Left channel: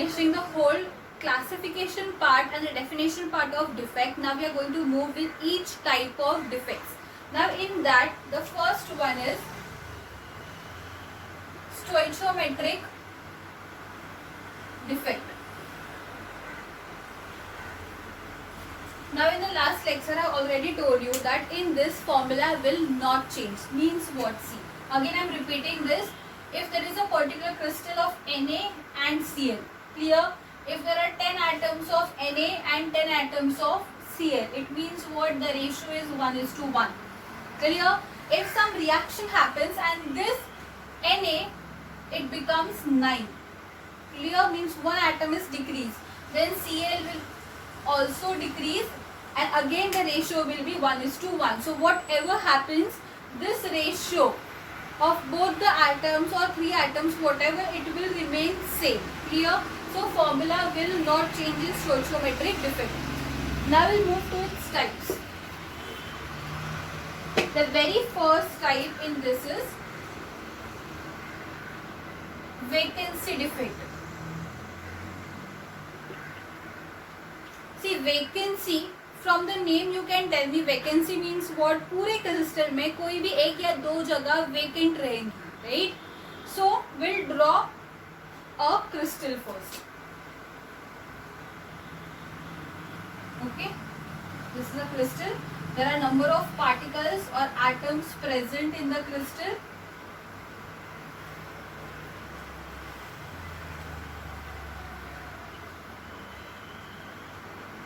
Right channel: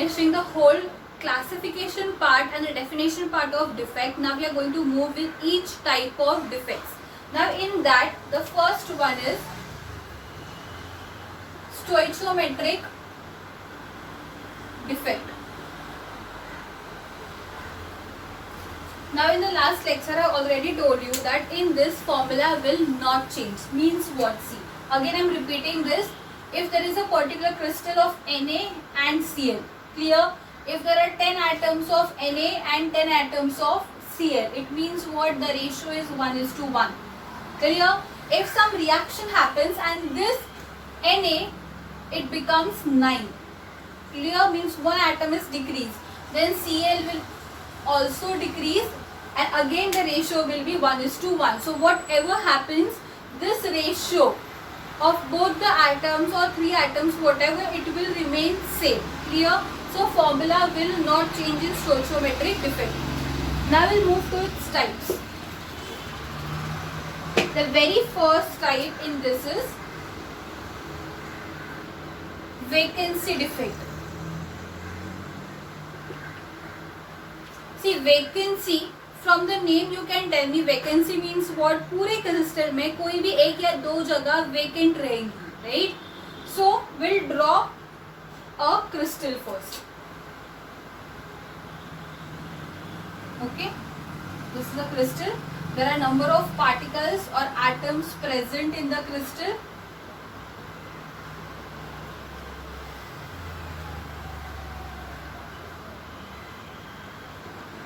finishing the whole classification part and the definition part of defect. Now we are going to move with each type of defects. Now in that, the first one is stoichiometric defect. Now in the last lecture I already told you that in this formula will not change. Means what? See, again I am repeating this. If there is a particular crystal of Na and Cl, clear? If there are 10 atoms of Na and 10 atoms of Cl, it means what? The ratio is 1:1. Clear? If some reaction happens and this Na, it becomes 9. Clear? Means one atom is decreased. Then Cl will also decrease and again the ratio will be 1:1. So whatever happens, this ratio of both the atoms or 3 atoms, whatever, it will remain same. Clear? So formula will not change in stoichiometric defect. Now we'll move to its types. The very first type in this is vacancy defect. See, vacancy, from the name you can tell me vacancy means what? पूरे crystal में कोई भी एक या दो जगह vacant रहेंगी, right? So we'll draw a crystal first. Okay, this is a crystal. There are number of particles or atoms present in the crystal.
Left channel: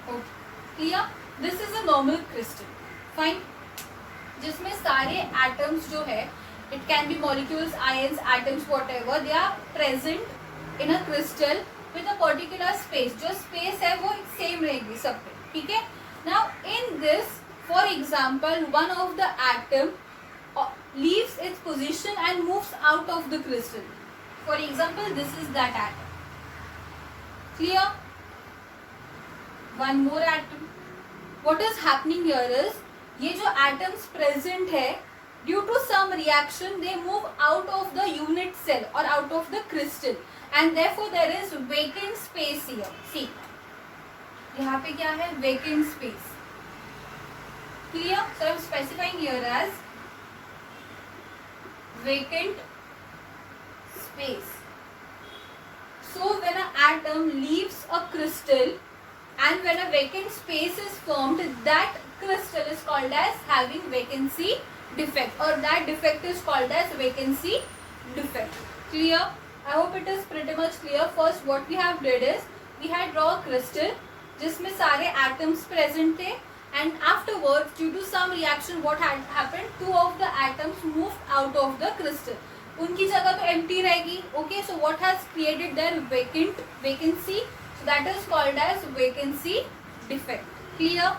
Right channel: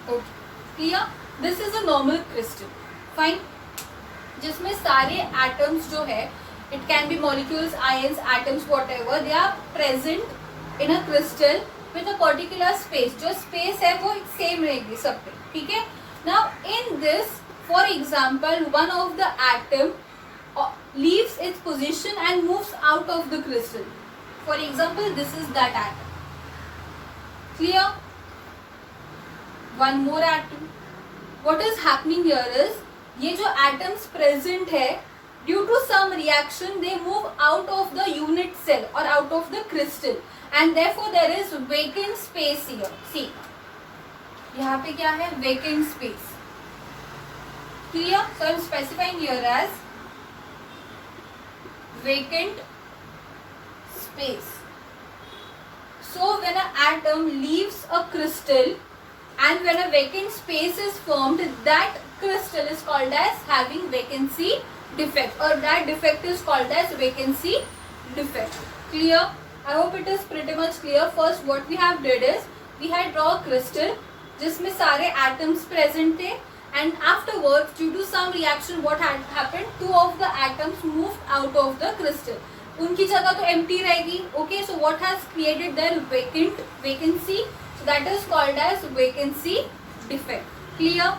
Okay, clear? This is a normal crystal. Fine. जिसमें सारे atoms जो है, it can be molecules, ions, atoms, whatever, they are present in a crystal with a particular space. जो space है वो same रहेगी सब पे, ठीक है? Now in this, for example, one of the atom leaves its position and moves out of the crystal. For example, this is that atom. Clear? One more atom. What is happening here is, ये जो atoms present है, due to some reaction they move out of the unit cell or out of the crystal and therefore there is vacant space here. See, यहाँ पे क्या है? Vacant space. Clear? So I am specifying here as vacant space. So when an atom leaves a crystal and when a vacant space is formed, that crystal is called as having vacancy defect, or that defect is called as vacancy defect. Clear? I hope it is pretty much clear. First what we have did is, we had draw a crystal जिसमें सारे atoms present थे and afterwards due to some reaction what had happened, 2 of the atoms moved out of the crystal. उनकी जगह तो empty रहेगी. Okay, so what has created their vacancy? So that is called as vacancy defect. Clear?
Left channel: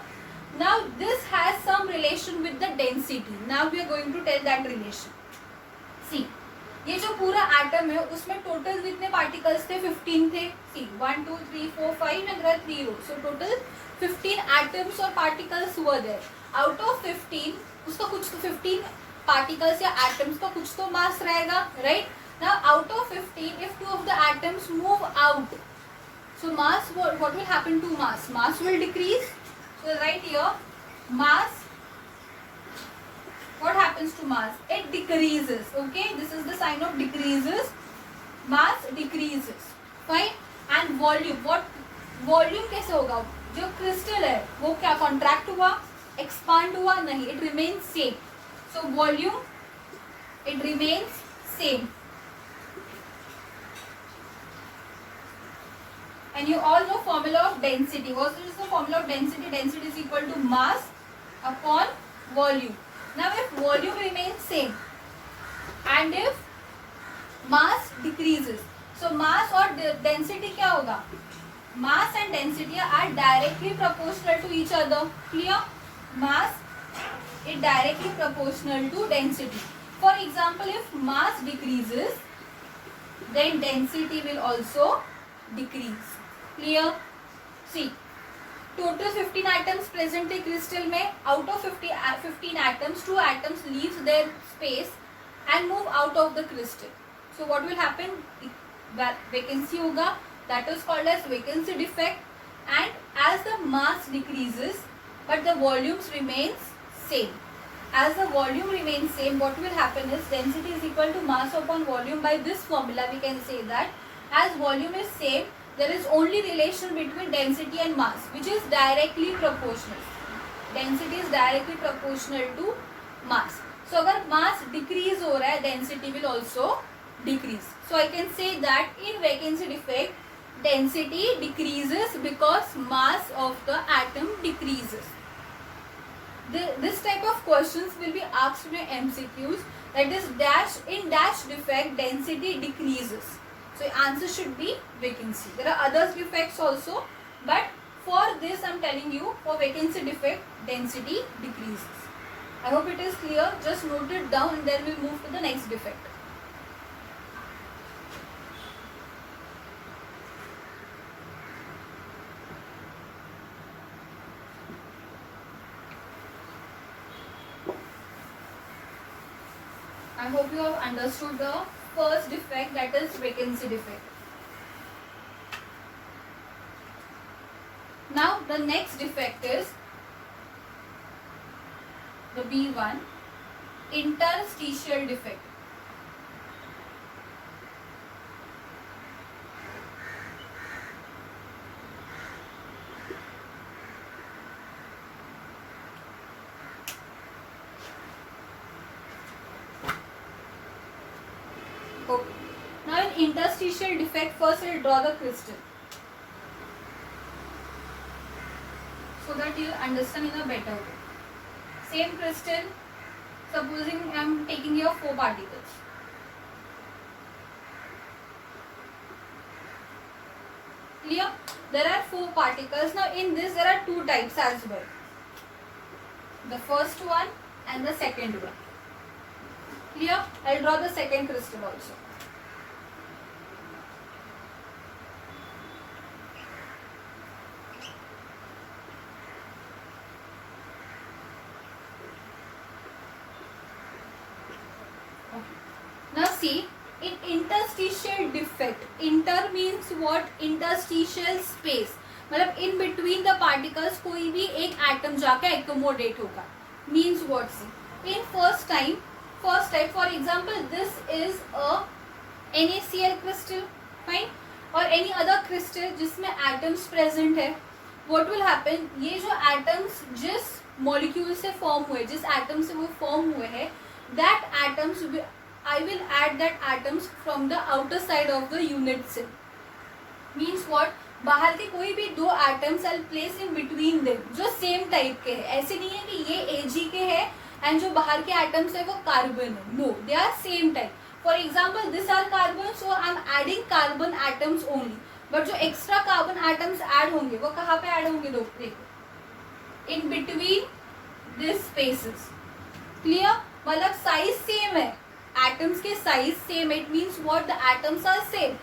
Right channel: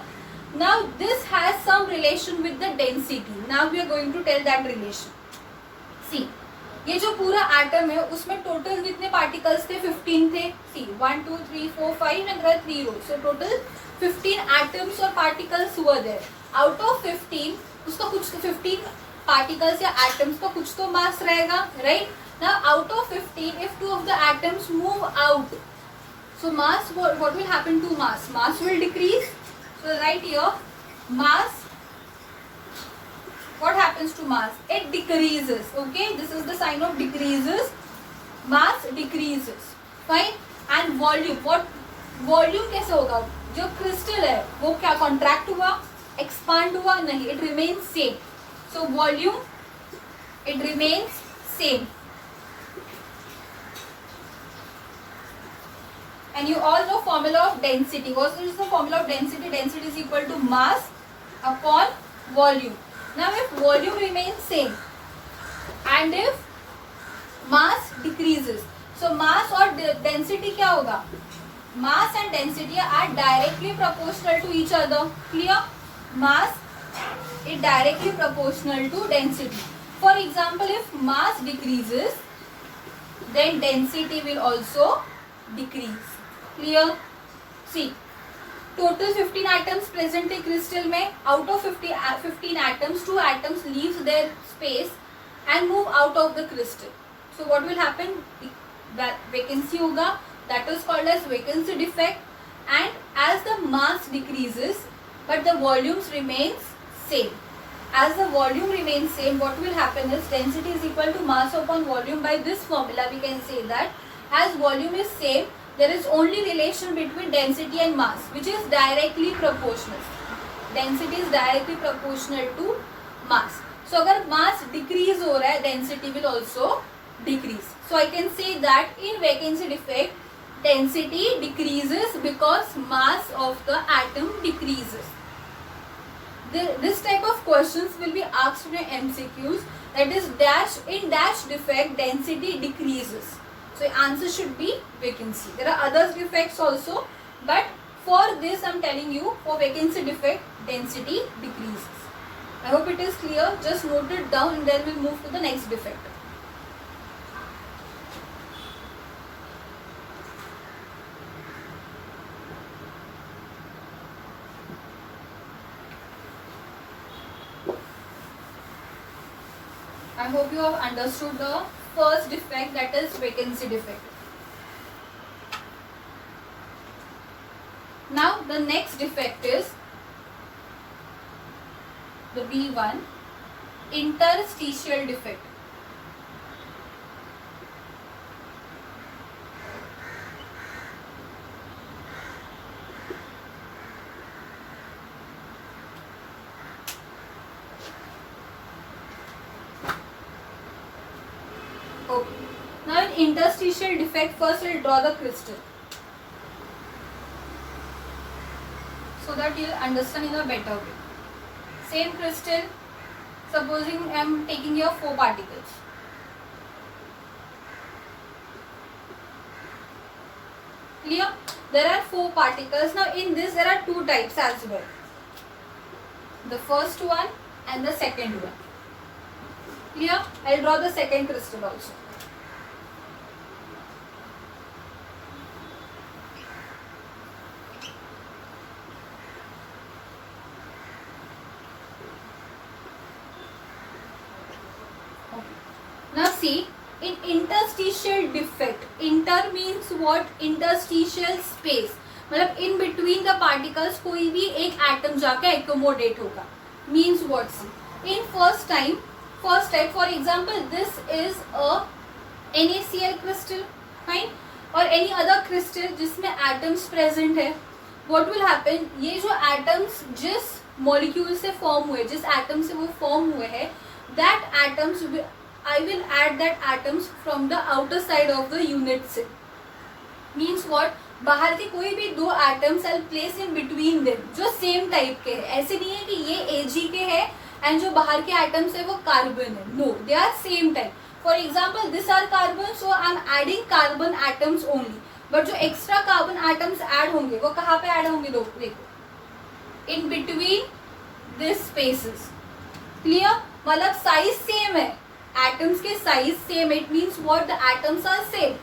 Now this has some relation with the density. Now we are going to tell that relation. See, ये जो पूरा atom है उसमें total कितने particles थे? 15 थे. See, 1, 2, 3, 4, 5 and there are 3 rows. So total 15 atoms or particles were there. Out of 15, उसका कुछ तो 15 particles या atoms का कुछ तो mass रहेगा, right? Now out of 15, if 2 of the atoms move out, so mass, what will happen to mass? Mass will decrease. So right here, mass, what happens to mass? It decreases. Okay, this is the sign of decreases. Mass decreases. Fine. And volume, what volume कैसे होगा? जो crystal है वो क्या contract हुआ, expand हुआ? नहीं, it remains same. So volume, it remains same. And you all know formula of density. What is the formula of density? Density is equal to mass upon volume. Now if volume remains same and if mass decreases, so mass or density क्या होगा? Mass and density are directly proportional to each other. Clear? Mass is directly proportional to density. For example, if mass decreases, then density will also decrease. Clear? See, total 15 atoms present in crystal में, out of 15 atoms, 2 atoms leaves their space and move out of the crystal. So what will happen? Vacancy होगा, that is called as vacancy defect. And as the mass decreases but the volumes remains same, as the volume remains same, what will happen is density is equal to mass upon volume. By this formula we can say that as volume is same, there is only relation between density and mass which is directly proportional. Density is directly proportional to mass. So अगर mass decrease हो रहा है, density will also decrease. So I can say that in vacancy defect, density decreases because mass of the atom decreases. This type of questions will be asked in your MCQs. That is dash, in dash defect density decreases. So answer should be vacancy. There are other defects also, but for this I am telling you, for vacancy defect density decreases. I hope it is clear. Just note it down and then we'll move to the next defect. I hope you have understood the first defect, that is vacancy defect. Now the next defect is the B1, interstitial defect. Okay. Now in interstitial defect, first I will draw the crystal so that you will understand in a better way. Same crystal, supposing I am taking here 4 particles. Clear? There are 4 particles. Now in this there are 2 types as well. The first one and the second one. Clear? I will draw the second crystal also. Now see, in interstitial defect, inter means what? Interstitial space, मतलब in between the particles कोई भी एक atom जाके accommodate होगा. Means what? In first type, for example, this is a NaCl crystal, fine, और any other crystal जिसमें atoms present है. What will happen? ये जो atoms जिस molecule से form हुए, जिस atom से वो form हुए हैं, that atoms I will add that atoms from the outer side of the unit cell. Means what? बाहर के कोई भी 2 atoms I'll place in between them जो same type के हैं. ऐसे नहीं है कि ये Ag के है and जो बाहर के atoms है वो carbon है. No, they are same type. For example, this are carbon, so I'm adding carbon atoms only. But जो extra carbon atoms add होंगे वो कहाँ पे add होंगे? देखो, in between these spaces. Clear? मतलब size same है. Atoms के size same. It means what? The atoms are same,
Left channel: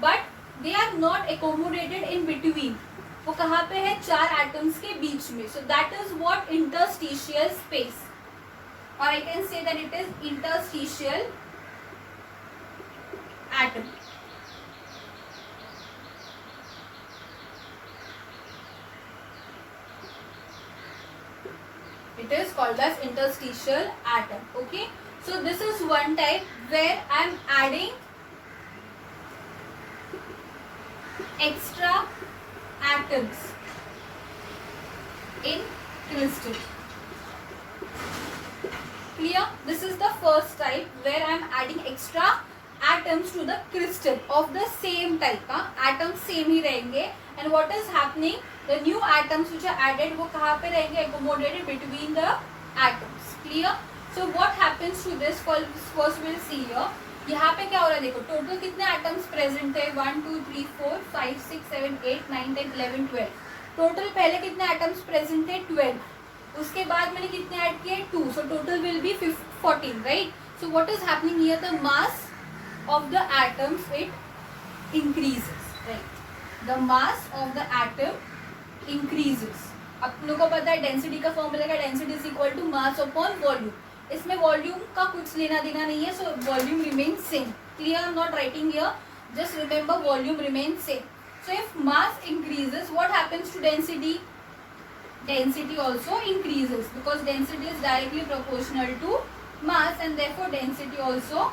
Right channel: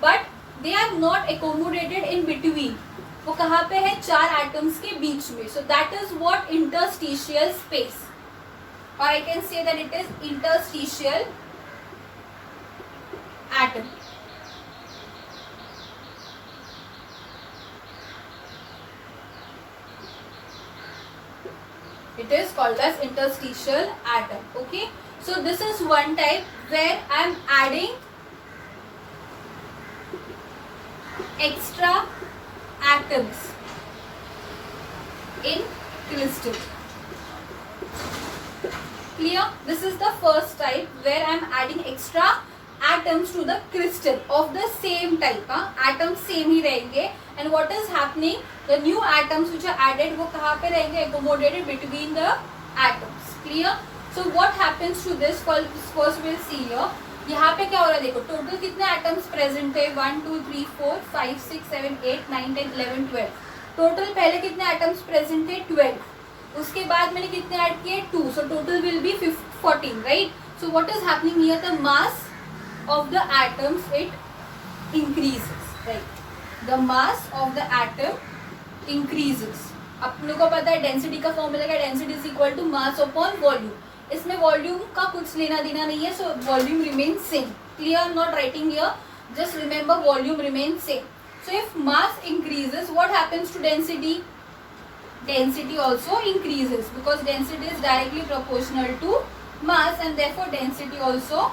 but they are not accommodated in between. वो कहाँ पे है? 4 atoms के बीच में. So that is what interstitial space, or I can say that it is interstitial atom. It is called as interstitial atom. Okay. So this is one type where I am adding extra atoms in crystal. Clear? This is the first type where I am adding extra atoms to the crystal of the same type. Atoms same ही रहेंगे. And what is happening? The new atoms which are added वो कहाँ पे रहेंगे? Accommodated between the atoms. Clear? So what happens to this? First we'll see here. यहाँ पे क्या हो रहा है? देखो टोटल कितने एटम्स प्रेजेंट है? 1 2 3 4 5 6 7 8 9 10 11 12. टोटल पहले कितने एटम्स प्रेजेंट थे? 12. उसके बाद मैंने कितने ऐड किए? 2. So total will be 14, right? So what is happening here? The mass of the atoms it increases, right? The mass of the atom increases. अब लोगों को पता है डेंसिटी का फॉर्मूला का, density is equal to mass upon volume. इसमें volume का कुछ लेना देना नहीं है, so volume remain same. Clear? Not writing here, just remember volume remain same. So if mass increases, what happens to density? Density also increases because density is directly proportional to mass and therefore density also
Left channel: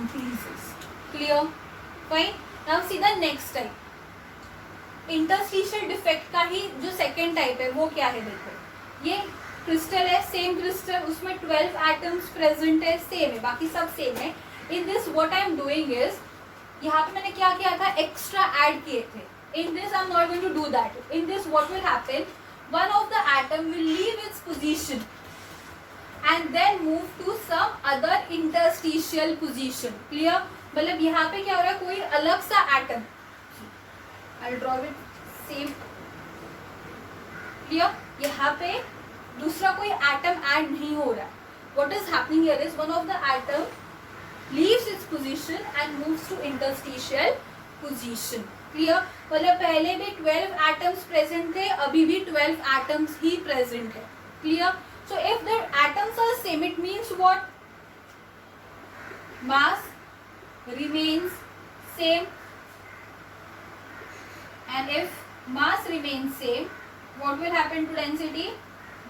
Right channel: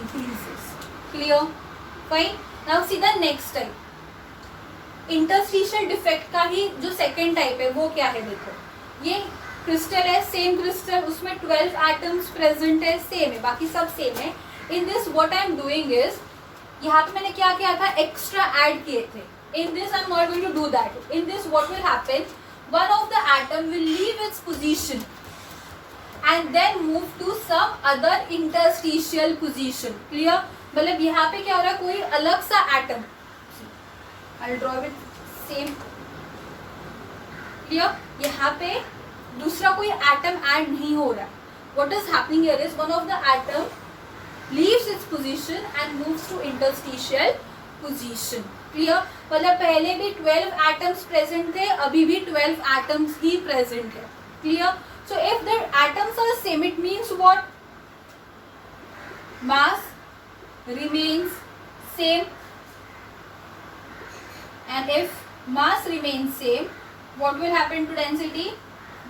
increases. Clear? Fine. Now see the next type. Interstitial defect का ही जो second type है वो क्या है, देखो ये crystal है, same crystal, उसमें 12 एटम्स प्रेजेंट है, सेम है, बाकी सब सेम है. इन this what I am doing is, यहाँ पे मैंने क्या किया था, एक्स्ट्रा ऐड किए थे. In this I am not going to do that. In this what will happen, one of the atom will leave its position and then move to some other interstitial position. Clear? मतलब यहाँ पे क्या हो रहा है, कोई अलग सा atom, I draw with same. Clear? यहाँ पे दूसरा कोई एटम ऐड नहीं हो रहा है. What is happening here is one of the atom leaves its position and moves to interstitial position. Clear? मतलब पहले भी 12 atoms present थे, अभी भी 12 atoms ही present है. Clear? So if the atoms are same, it means what? Mass remains same. And if mass remains same, what will happen to density?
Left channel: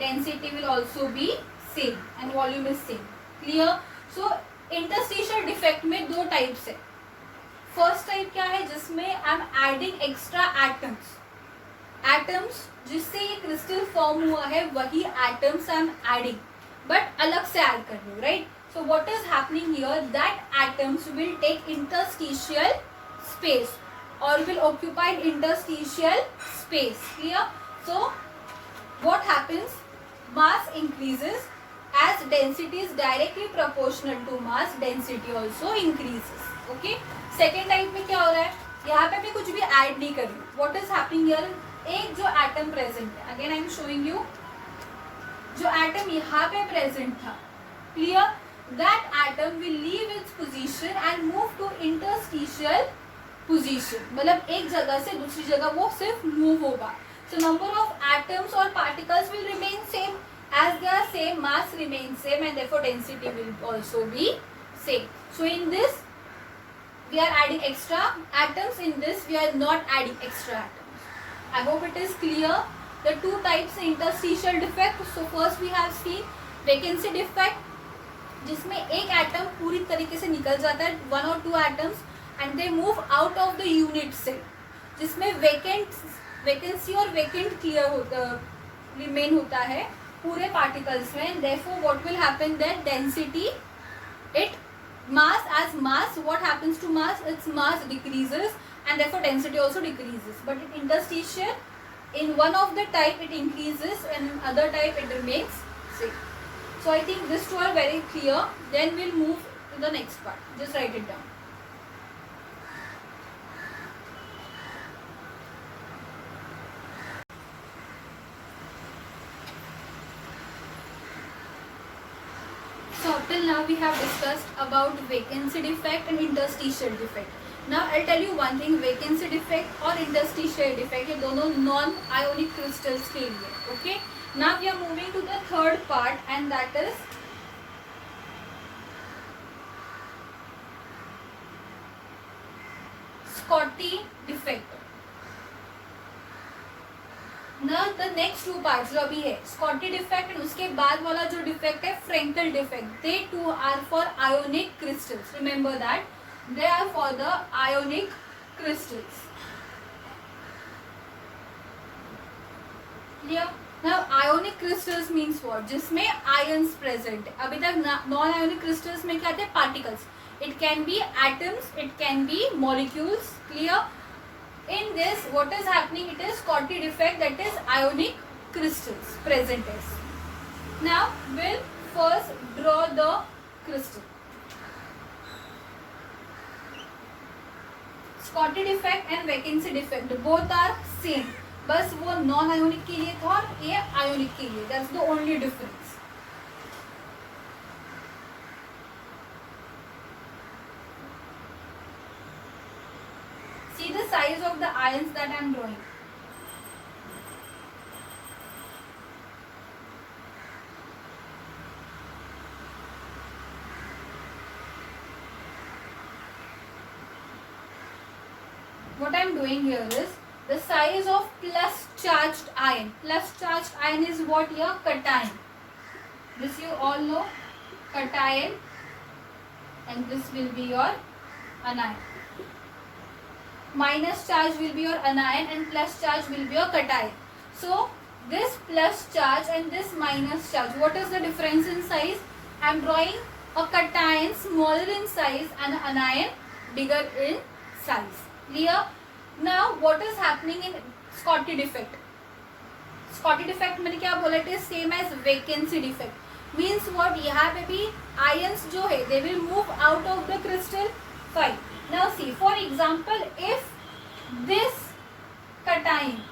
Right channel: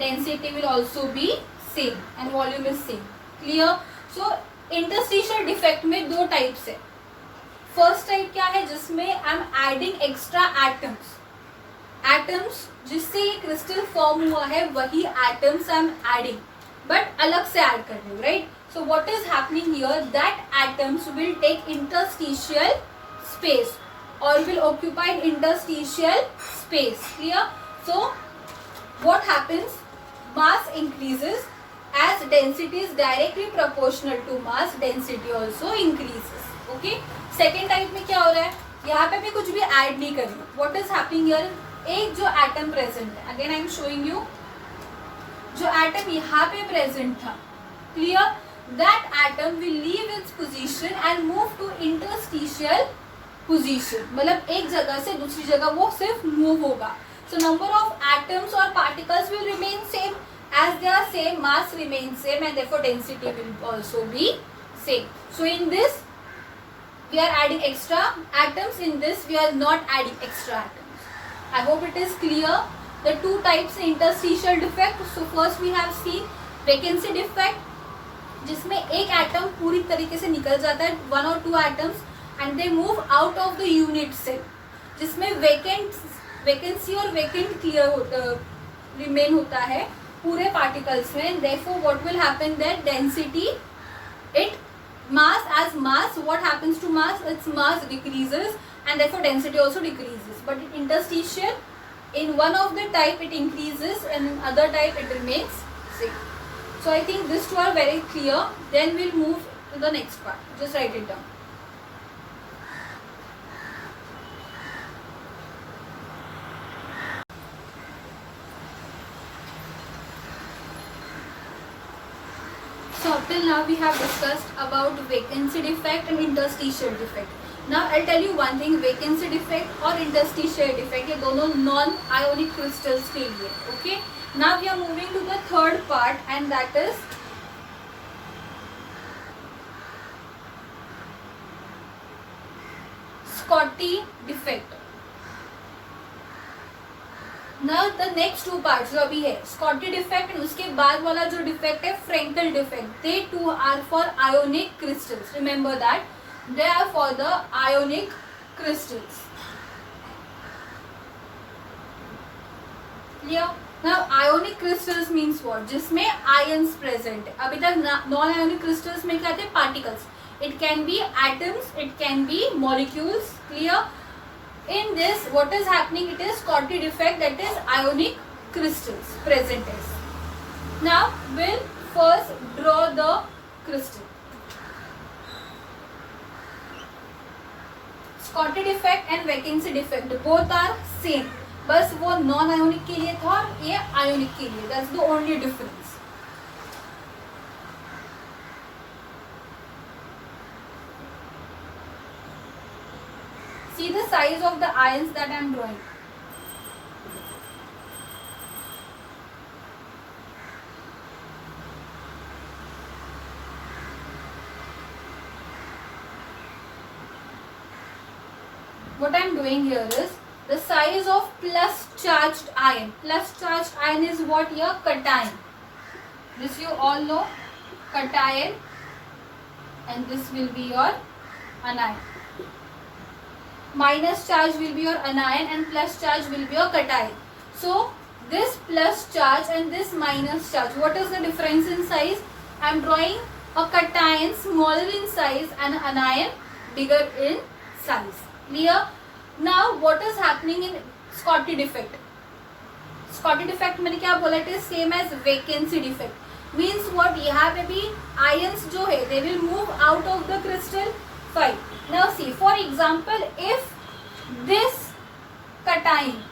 Density will also be same and volume is same. Clear? So interstitial defect में दो types है. First type क्या है, जिसमें I am adding extra atoms. Atoms जिससे ये crystal form हुआ है वही atoms I am adding, but अलग से ऐड कर रही हूँ. Right? So what is happening here, that atoms will take interstitial space और will occupy interstitial space. Clear? So what happens, mass increases. As density is directly proportional to mass, density also increases. Okay? Second type में क्या हो रहा है, यहाँ पे मैं कुछ भी ऐड नहीं कर रही हूँ. What is happening here? एक जो एटम प्रेजेंट है, again I am showing you, जो एटम यहाँ पे प्रेजेंट था, clear, that atom will leave its position and move to interstitial position. मतलब एक जगह से दूसरी जगह वो सिर्फ मूव होगा. सो नंबर ऑफ एटम्स और particles will remain same. As they are same, mass remains same and therefore density will also be same. So in this we are adding extra atoms, in this we are not adding extra atoms. I hope it is clear. The two types interstitial defect. So first we have seen vacancy defect, जिसमें एक atom पूरी तरीके से निकल जाता है, one or two atoms, and they move out of the unit cell, जिसमें vacancy और vacant clear होता, remain होता है पूरे पार्टिकल्स में. therefore what will happen, that density, it mass, as mass, what happens to mass, its mass decreases and therefore density also decreases. But in interstitial, in one of the type it increases and in other type it remains same. So I think these two are very clear. Then we'll move to the next part. Just write it down. So up till now we have discussed about vacancy defect and interstitial defect. Now I'll tell you one thing, vacancy defect और interstitial defect ये दोनों non ionic crystals के लिए. Okay? Now we are moving to the third part and that is Schottky defect. Now the next two parts जो अभी है Schottky defect and उसके बाद वाला जो defect है Frenkel defect. They too are for ionic crystals. Remember that they are for the ionic crystals. Clear? Now ionic crystals means what? जिसमें ions present है. अभी तक non ionic crystals में क्या थे? Particles. It can be atoms, it can be molecules. Clear? In this, what is happening? It is Schottky defect, that is ionic crystals present is. Now, we'll first draw the crystal. Schottky defect and vacancy defect both are same. बस वो non ionic के लिए था और ये ionic के लिए. That's the only difference. See the size of the ions that I am drawing. what I'm doing here is the size of plus charged ion. Plus charged ion is what here? Cation. This you all know, cation, and this will be your anion. Minus charge will be your anion and plus charge will be your cation. So this plus charge and this minus charge, what is the difference in size? I am drawing a cation smaller in size and anion bigger in size. Clear? Now what is happening in Schottky defect? Schottky defect मैंने क्या बोला? It is same as vacancy defect. Means what? यहाँ पे भी ions जो है they will move out of the crystal. Fine. Now see, for example, if this cation,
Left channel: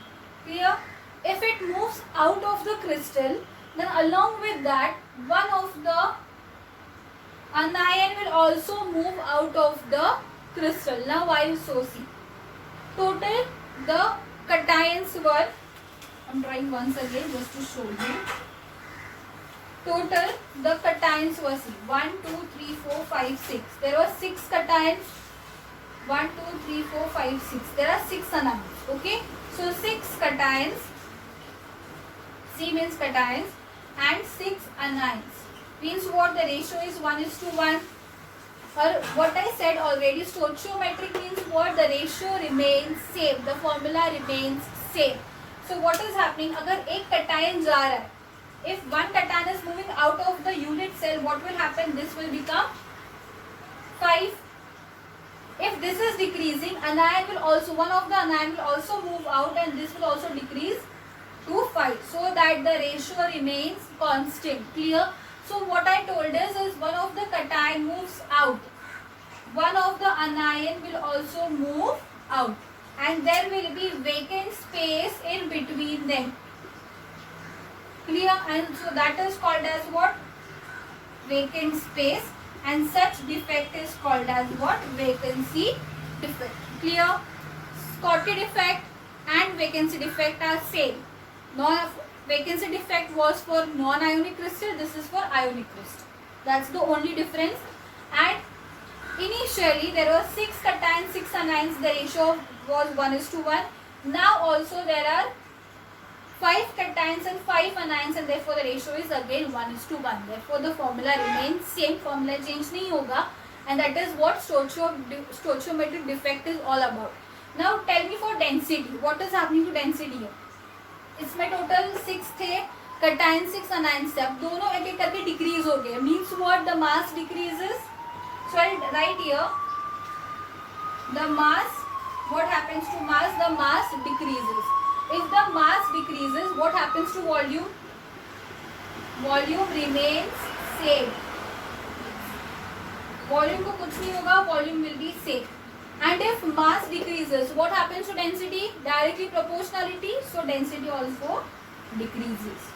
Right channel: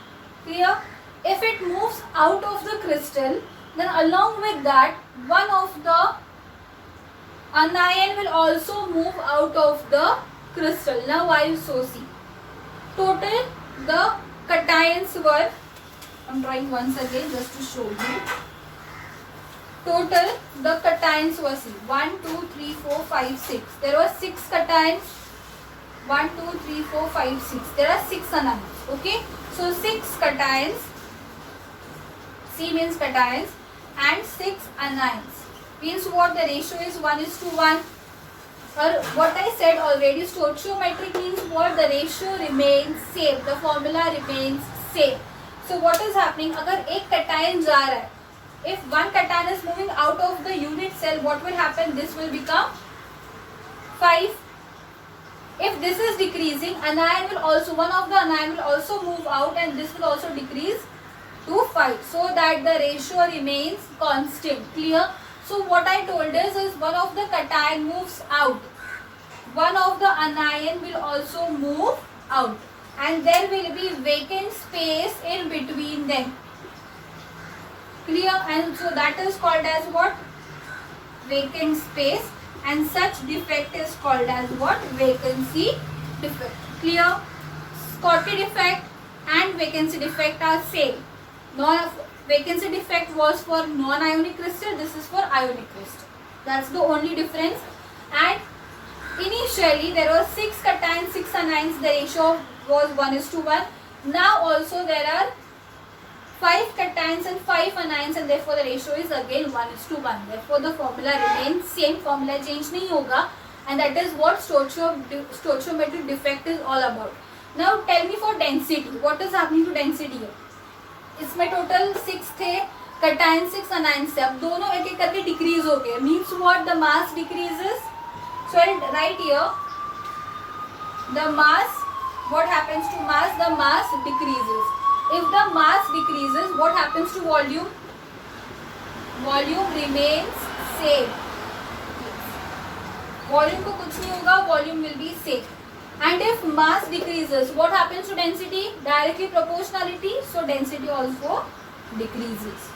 clear? If it moves out of the crystal, then along with that, one of the anion will also move out of the crystal. Now I will so see. Total the cations were, I'm drawing once again just to show you. Total the cations were, see, 1, 2, 3, 4, 5, 6. There were 6 cations. 1, 2, 3, 4, 5, 6. There are 6 anions. Okay. So 6 cations. C means cations and 6 anions. Means what? The ratio is 1:1. Or what I said already, stoichiometric means what? The ratio remains same. The formula remains same. So what is happening? अगर एक cation जा रहा है, if one cation is moving out of the unit cell, what will happen? This will become 5. If this is decreasing, anion will also, one of the anion will also move out and this will also decrease to 5, so that the ratio remains constant. Clear? So what I told is one of the cation moves out, one of the anion will also move out, and there will be vacant space in between them. Clear? And so that is called as what? Vacant space, and such defect is called as what? Vacancy defect. Clear? Schottky defect and vacancy defect are same. Vacancy defect was for non-ionic crystal, this is for ionic crystal. That's the only difference. And initially there were 6 cations, 6 anions, the ratio was 1:1. Now also there are 5 cations and 5 anions, and therefore the ratio is again 1:1. Therefore the formula remains same, formula change नहीं होगा, and that is what stoichiometric defect is all about. Now tell me for density, what is happening to density here? इसमें total 6 थे, cation 6 anions थे, अब दोनों एक एक करके डिक्रीज हो गए. Means what? The mass decreases. So I write here the mass, what happens to mass? The mass decreases. If the mass decreases, what happens to volume? Volume remains same. Volume को कुछ नहीं होगा, volume will be same. And if mass decreases, what happens to density? Directly proportionality, so density also decreases.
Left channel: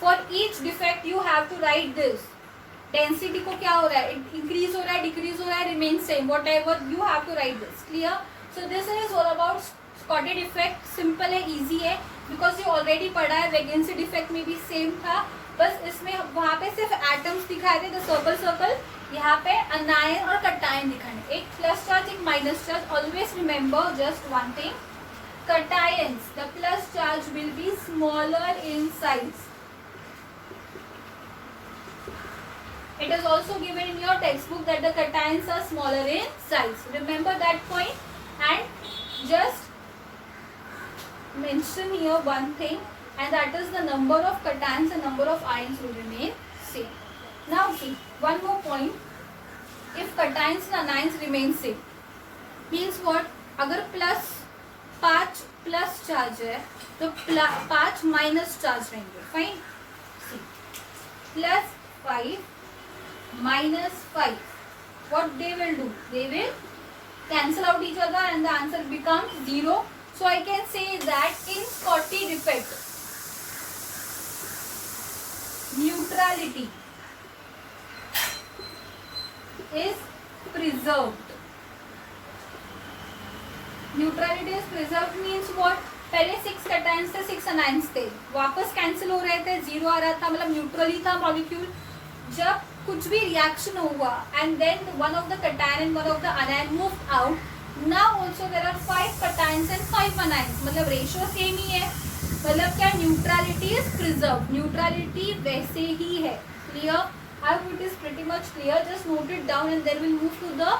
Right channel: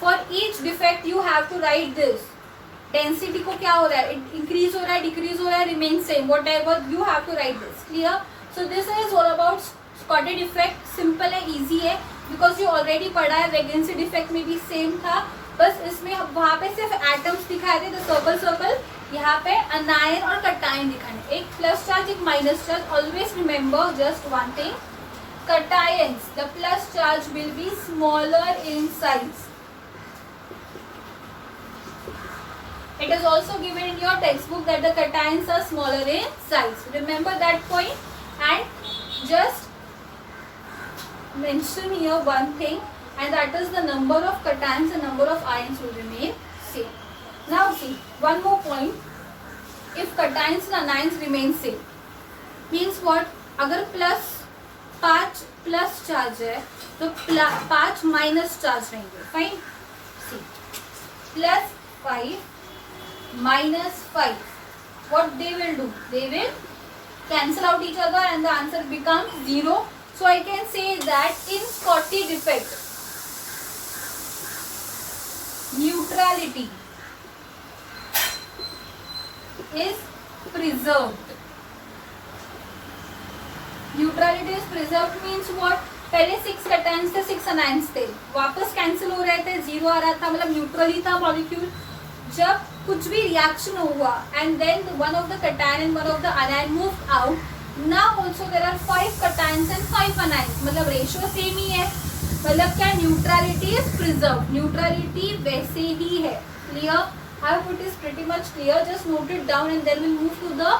For each defect you have to write this. Density को क्या हो रहा है? Increase हो रहा है, decrease हो रहा है, remain same. Whatever you have to write this. Clear? So this is all about Schottky defect. Simple है, easy है, because you already पढ़ा है. Vacancy defect में भी same था, बस इसमें वहाँ पे सिर्फ एटम्स दिखाए थे, तो सर्कल, यहाँ पे अनायन और कटायन दिखाने. एक प्लस चार्ज, एक minus charge. Always remember just one thing, cations, the plus charge will be smaller in size. It is also given in your textbook that the cations are smaller in size. Remember that point, and just mention here one thing, and that is the number of cations and number of ions will remain same. Now see, one more point. If cations and anions remain same, means what? अगर पाँच plus charge है तो 5 minus charge रहेंगे. Fine. See, +5 -5, what they will do? They will cancel out each other and the answer becomes 0. So I can say that in Schottky defect, neutrality is preserved. Neutrality is preserved means what? पहले 6 cations थे, 6 anions थे, वापस cancel हो रहे थे, 0 आ रहा था, मतलब न्यूट्रल ही था मॉलिक्यूल. जब कुछ भी रिएक्शन हुआ and then one of the cation and one of the anion moved out, Now also there are 5 cations and 5 anions. मतलब रेशियो सेम ही है. मतलब क्या, न्यूट्रलिटी इज प्रिजर्व. न्यूट्रलिटी वैसे ही है. Clear? I hope it is pretty much clear. Just note it down and then we'll move to the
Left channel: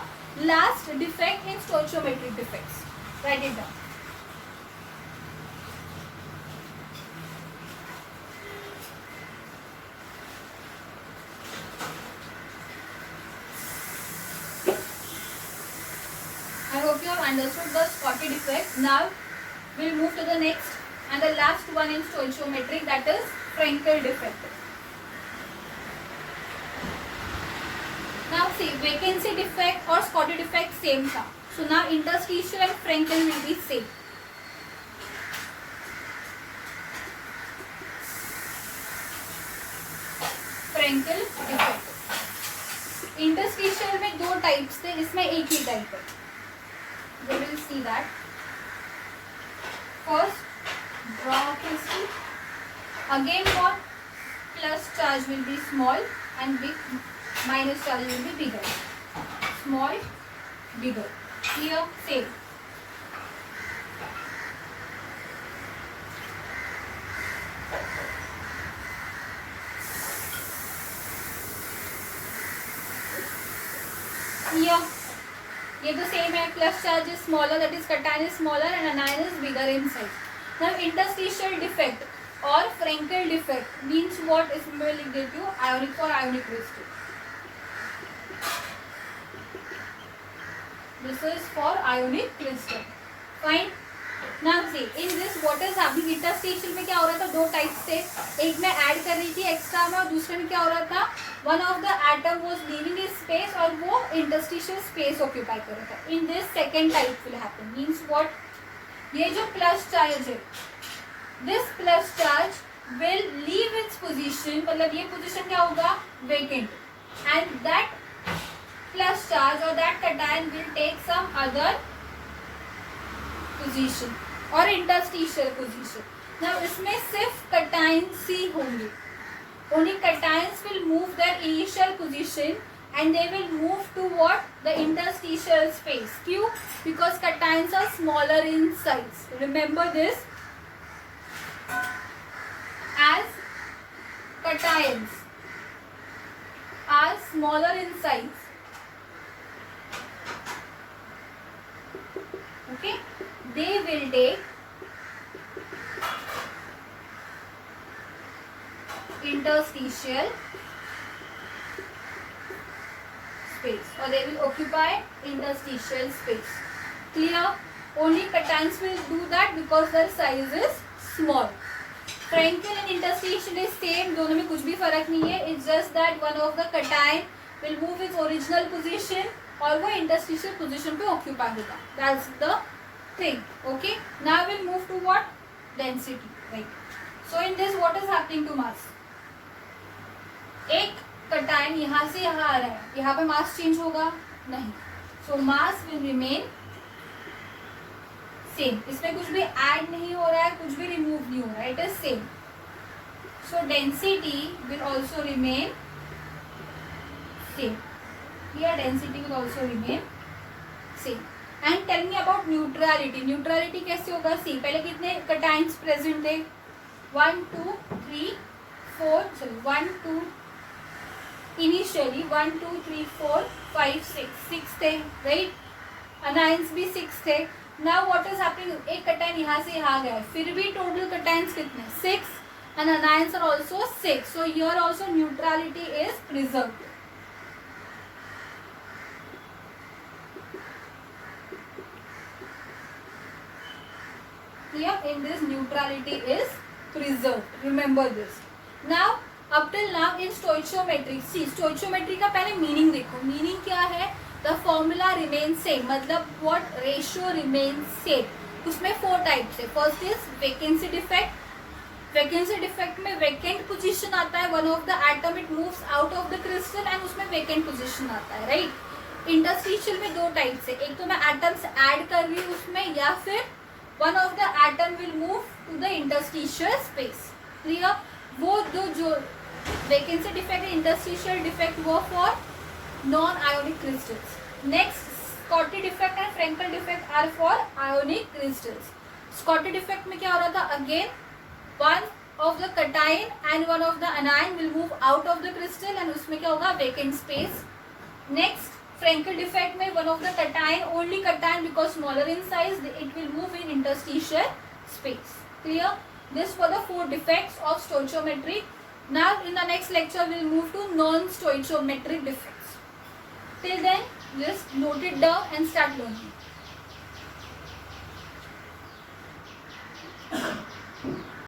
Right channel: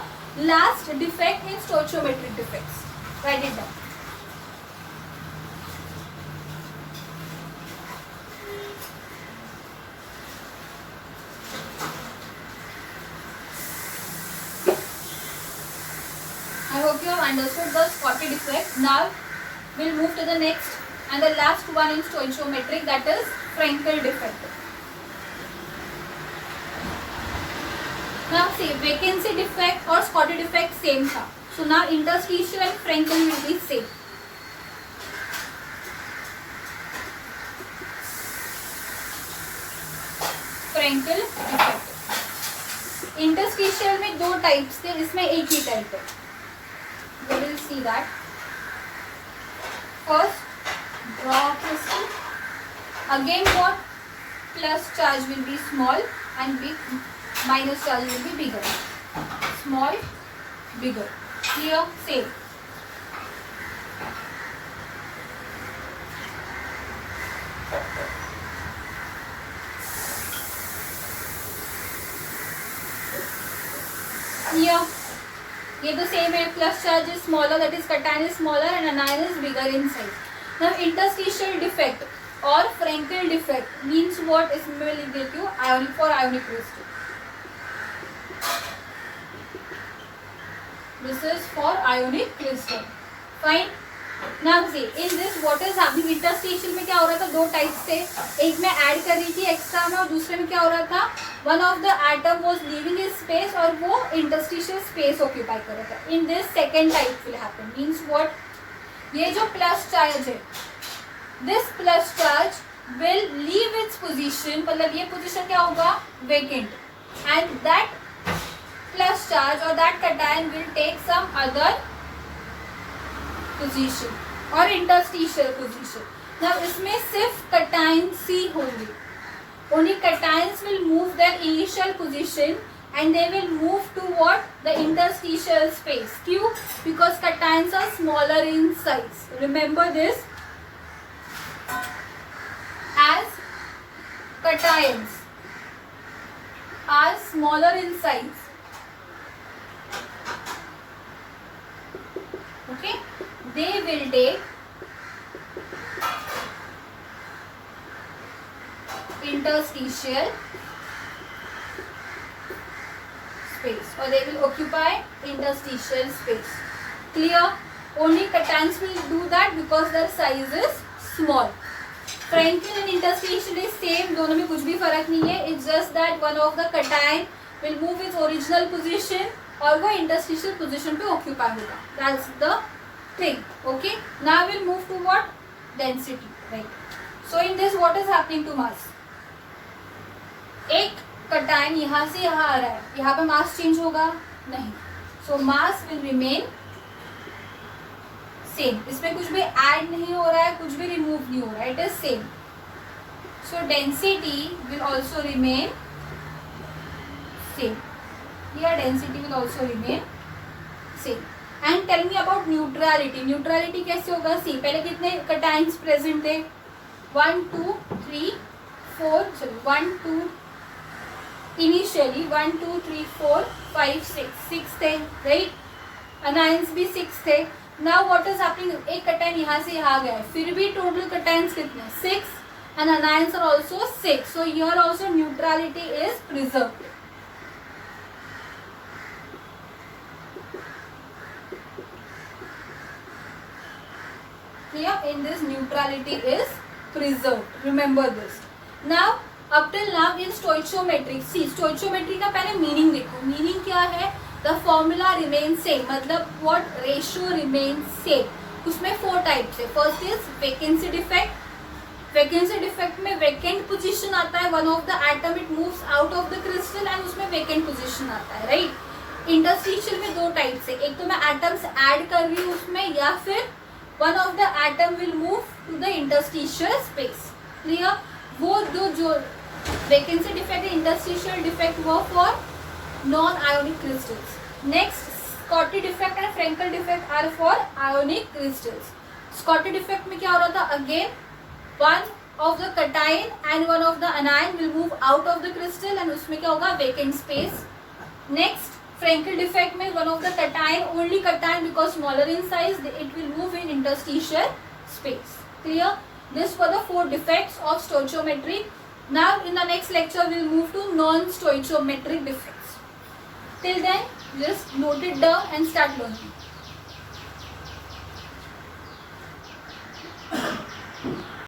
last defect in stoichiometric defects. Write it down. I hope you have understood the Scotty defect. Now we'll move to the next and the last one in stoichiometric, that is Frenkel defect. Now see, vacancy defect or Scotty defect same tha. So now interstitial and Frenkel will be same. Frenkel defect. Interstitial में 2 types थे, इसमें एक ही type है. We will see that. First, draw crystal. Again what? Plus charge will be small and minus charge will be bigger. Small, bigger. Here, same. Here, ये तो same है. Plus charge is smaller, that is cation is smaller and anion is bigger in size. Now interstitial defect or Frenkel defect means what? इसमें मैं लिख देती हूँ ionic for ionic crystal. This is for ionic crystal. Fine. Now see, in this what is happening? Interstitial में क्या हो रहा था? 2 टाइप्स थे. एक में ऐड कर रही थी एक्स्ट्रा में और दूसरे में क्या हो रहा था? One of the atom was leaving is space और वो इंटरस्टिशियल स्पेस ऑक्यूपाई कर रहा था. In this second type will happen. Means what? ये जो प्लस चार्ज है, this plus charge will leave its position. मतलब ये पोजीशन क्या होगा? Vacant. And that plus charge और that cation will take some other position और इंटरस्टिशियल पोजीशन. now इसमें सिर्फ कैटायंस ही होंगे. Only cations will move their initial position and they will move to what? The interstitial space. Q? Because cations are smaller in size. Remember this. As cations are smaller in size. Okay? They will take interstitial space or they will occupy interstitial space. Clear? Only cations will do that because their size is small. Frenkel and interstitial is same. दोनों में कुछ भी फर्क नहीं है. It's just that one of the cation will move its original position और वो interstitial position पे occupy होगा. That's the thing. Okay? Now we'll move to what? Density. Right. So in this what is happening to mass? एक cation यहाँ से यहाँ आ रहा है, यहाँ पे मास चेंज होगा नहीं. सो मास विल रिमेन सेम. इसमें कुछ भी ऐड नहीं हो रहा है, कुछ भी रिमूव नहीं हो रहा है. It is same. So density will also remain same. Here density will also remain same. And tell me about neutrality. Neutrality कैसे होगा? सी, पहले कितने कैटायंस प्रेजेंट थे? 1 2 3 4 सॉरी 1 2 इनिशियली 1 2 3 4 5 6 थे. राइट? अनायंस भी 6 थे. Now what is happening? एक cation यहाँ से यहाँ गया है, फिर भी टोटल कैटायंस कितने? 6 and anions are also 6. So here also neutrality is preserved. Here in this neutrality is preserved. Remember this. Now up till now in stoichiometry, see stoichiometry का पहले मीनिंग देखो. मीनिंग क्या है? The formula remains same. मतलब what? Ratio remains same. उसमें 4 types है. First is vacancy defect. Vacancy defect में vacant position आता है. One of the atom it moves out of the crystal and उसमें वेकेंट पोजीशन आता है. राइट? इंटरस्टिशियल में 2 टाइप्स है. एक तो मैं एटम्स ऐड कर रही हूँ उसमें, या फिर one of the atom will move to the interstitial space. Clear? वो दो जो vacancy defect and interstitial defect were for non-ionic crystals. Next Schottky defect and Frenkel defect are for ionic crystals. Schottky defect में क्या हो रहा था, again one of the cation and one of the anion will move out of the crystal and उसमें क्या होगा, vacant space. Next Frenkel defect में one of the cation, only cation because smaller in size, it will move in interstitial space. Clear? This were the 4 defects of stoichiometry. Now in the next lecture we will move to non-stoichiometric defects. Till then just note it down and start learning.